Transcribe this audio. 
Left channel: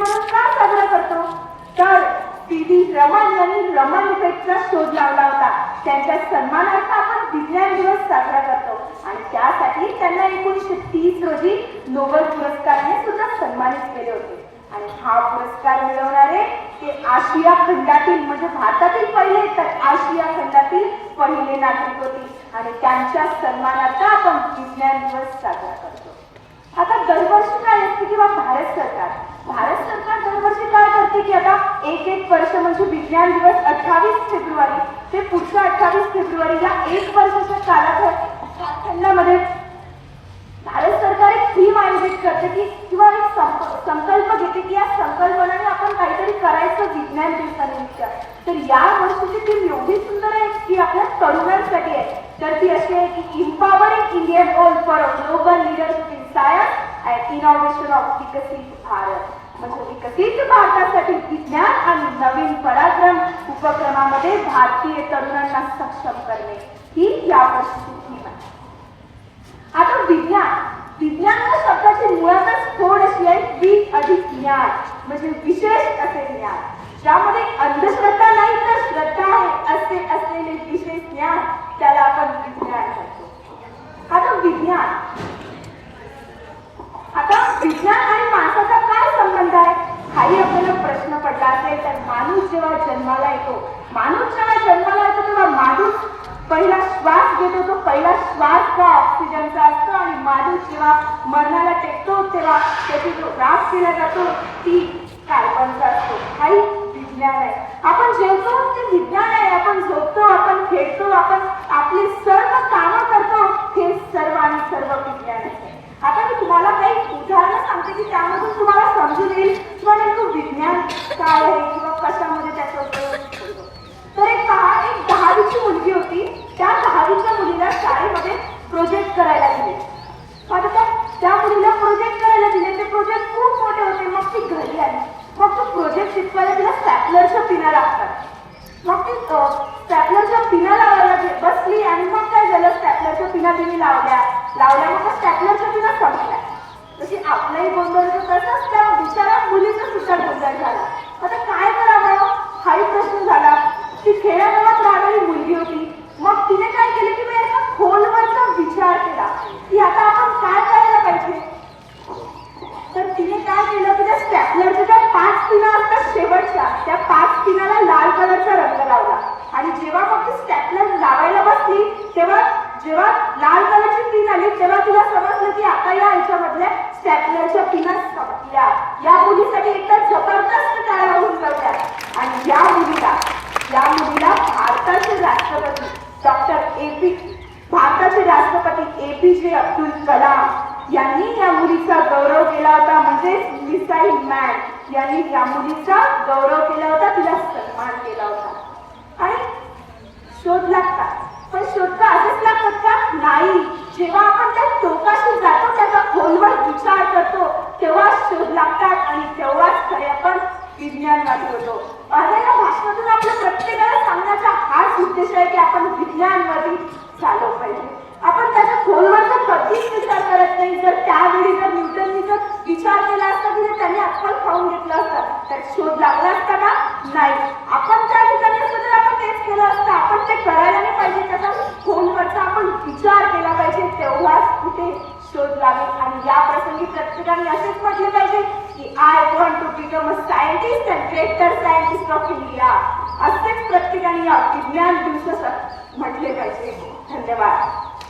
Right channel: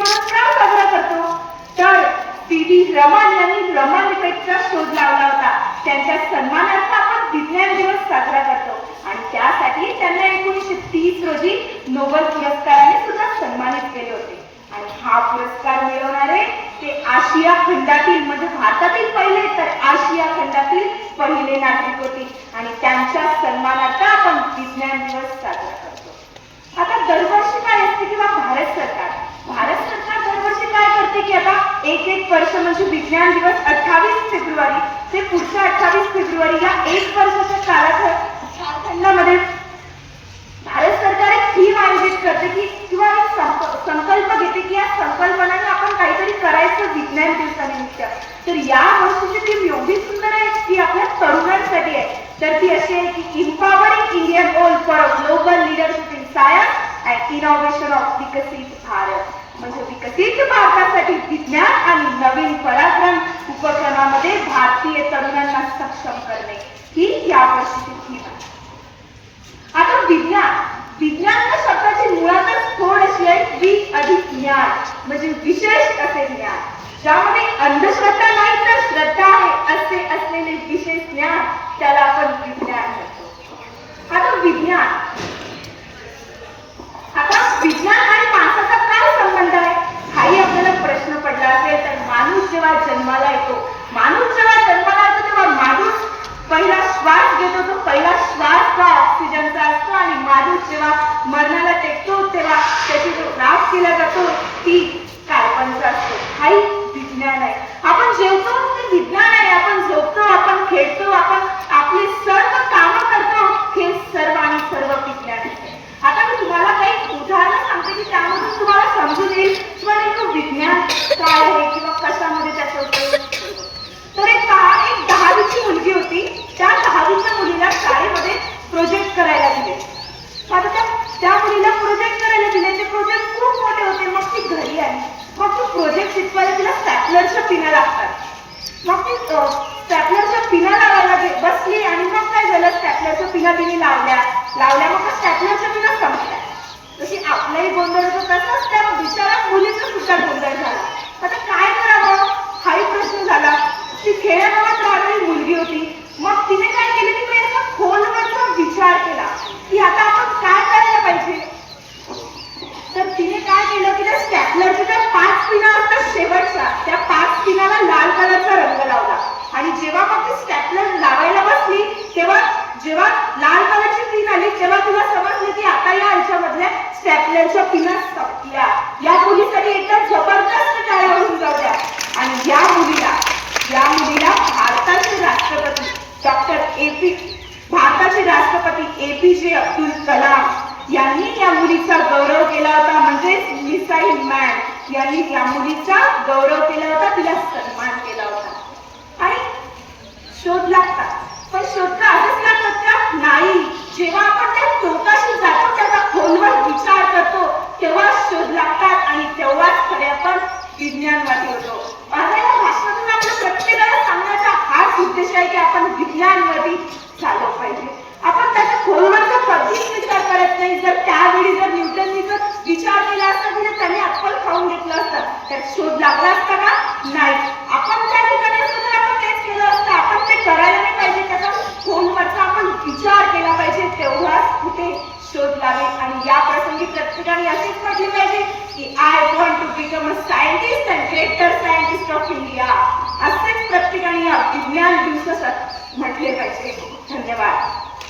म्हणून का साजरा करतो? तर सी.व्ही. रमन यांनी रमन इफेक्टचा शोध लावला होता. त्यांच्या सन्मानार्थ आपण विज्ञान दिवस साजरा करतो आणि त्यासाठी त्यांना 1930 रोजी नोबेल पुरस्काराने सुद्धा सन्मानित केले होते. आणि हा पुरस्कार मिळवणारे ते आशिया खंडातील म्हणजे भारतातील पहिले तर आशिया खंडातील पहिले नागरिक होते आणि त्यांच्या सन्मानार्थ आपण विज्ञान दिवस साजरा करतो. आता दरवर्षी काय असते किंवा भारत सरकार दरवर्षी काय करते की आता एक वर्ष म्हणजे विज्ञान दिवस 28 फेब्रुवारी ते पुढच्या 28 फेब्रुवारी या एक वर्षाच्या कालखंडामध्ये भारत सरकार एक थीम आयोजित करते की किंवा एक संकल्प घेते की या संकल्पनाने आपण काहीतरी करायचं विज्ञान दिवसानिमित्त. तर या वर्षीची थीम एवढी सुंदर आहे की आपल्या तरुणांसाठी आहे. तर ती अशी आहे की empowering Indian old for global leadership in science and innovation of विकसित भारत. म्हणजे विकसित भारतासाठी विज्ञान आणि नवीन पराक्रम उपक्रमामध्ये भारतीय तरुणांना सक्षम करणे ही या वर्षीची थीम आहे. आता विज्ञान या शब्दाची मुळातच थोडीशी आहे वि अधिक ज्ञान म्हणजे विशेष असे ज्ञान ज्यामध्ये अंधश्रद्धा नाही तर श्रद्धा आहे असे असलेले विशेष ज्ञान त्याला आपण विज्ञान म्हणतो. आता विज्ञान आणि माणसाचा काय संबंध आहे हाही आपल्याला प्रश्न पडला असेल. तर माणूस जेव्हा जन्माला येतो तेव्हा माणूस पहिला श्वास घेतो. तो पहिला श्वास हा ऑक्सिजनचा असतो आणि माणूस जेव्हा मरणाला टेकतो तेव्हा त्याची जो राख केला जातो ती कार्बनचा असतो. हाही विज्ञान आहे. आपण जेवतो ते विज्ञान आहे. आपण झोपतो, आपण खेळतो, आपण आपली सर्व कामं करतो हे सर्व आणि सर्व विज्ञान आहे. आता मी तुम्हाला काही उदाहरणं सांगते की त्यामधून तुम्हाला समजून येईल किंवा नेमकं विज्ञान काय आहे किंवा कशामध्ये त्याचा उपयोग होतो. तर एक 10वीची मुलगी होती. त्या 10वीच्या मुलीला शाळेमध्ये प्रोजेक्ट करायला दिले. आता त्या मुलीला प्रोजेक्ट करायला दिले. ते प्रोजेक्ट खूप मोठे होते. मग ती घरी आली. मग तो प्रोजेक्ट शिकवायला तिला स्टॅपलरच्या पिना लागतात. मग ती स्टॅपलरच्या पिना लावायला बसली आणि मग काय झालं स्टॅपलरच्या पिना तिने लावल्या मग स्टॅपलरच्या पिना संपल्या. जशी आपलाही गोंधळ होतो तसंच त्या बिचारा मुलीचा सुद्धा गोंधळ झाला. आता काय करावं हाही प्रश्न झाला. ती खेड्यागावात राहणारी मुलगी होती. मग तिने काय केलं की मी खोलवरचा विचार केला की आता आपण काय करायला पाहिजे. तर तिने काय केलं की त्या स्टॅपलरच्या त्या 5 पिना असतात शेवटच्या त्या 5 पिनाला लाल कलरचा रंग लावला आणि जेव्हा मग ती स्टॅपलर लावायला बसली तेव्हा जेव्हा लाल कलरची पिन आली तेव्हा तिला समजलं की आता या ह्याच्यामधल्या स्टॅपलरच्या पिना संपल्या. या मुलीसाठी एकदम जबरदस्त टाळ्या होऊन जात्या. आणि या मुलीला भारताचे राष्ट्रपती APJ अब्दुल कलाम यांनी या मुलीचा गौरव केला होता. म्हणजे मिसाईल मॅन यांनी या मुलीचा गौरव केला होता. तिला सन्मान केला होता. आणि शोध लागतात पण शोध असेच लागतात का? नाही. जेव्हा आपण त्या टोकाशी जातो त्याचा खोलवर विचार करतो तेव्हा शोध लागतात आणि तेव्हाच खरे आपण विज्ञानवादी होतो. आता या भाषणातून आपल्या प्रत्येकाला सांगण्याचा हाच उद्देश आहे की आपण विज्ञानवादी झालो पाहिजे. आपण त्याचा खोलवरचा कधीच विचार करत नाही. जर त्यावेळी जर न्यूटननी जर विचार केला असता की त्याने अक्कल खाऊन घेतलं असतं तर शोध लागला असता का? नाही. आपण त्या ठिकाणी असतो तर आपण तेच केलं असतं. आपण ते करायला नाही पाहिजे. त्याचा खोलवरचा आपण विचार केला पाहिजे तेव्हाच कुठे शोध लागेल. आणि या प्रसंगी प्रत्येकाने असेच म्हटले पाहिजे की I want to become a scientist and greater scientist of India. असेच प्रत्येकाने या विज्ञान दिवसात म्हटले पाहिजे. धन्यवाद.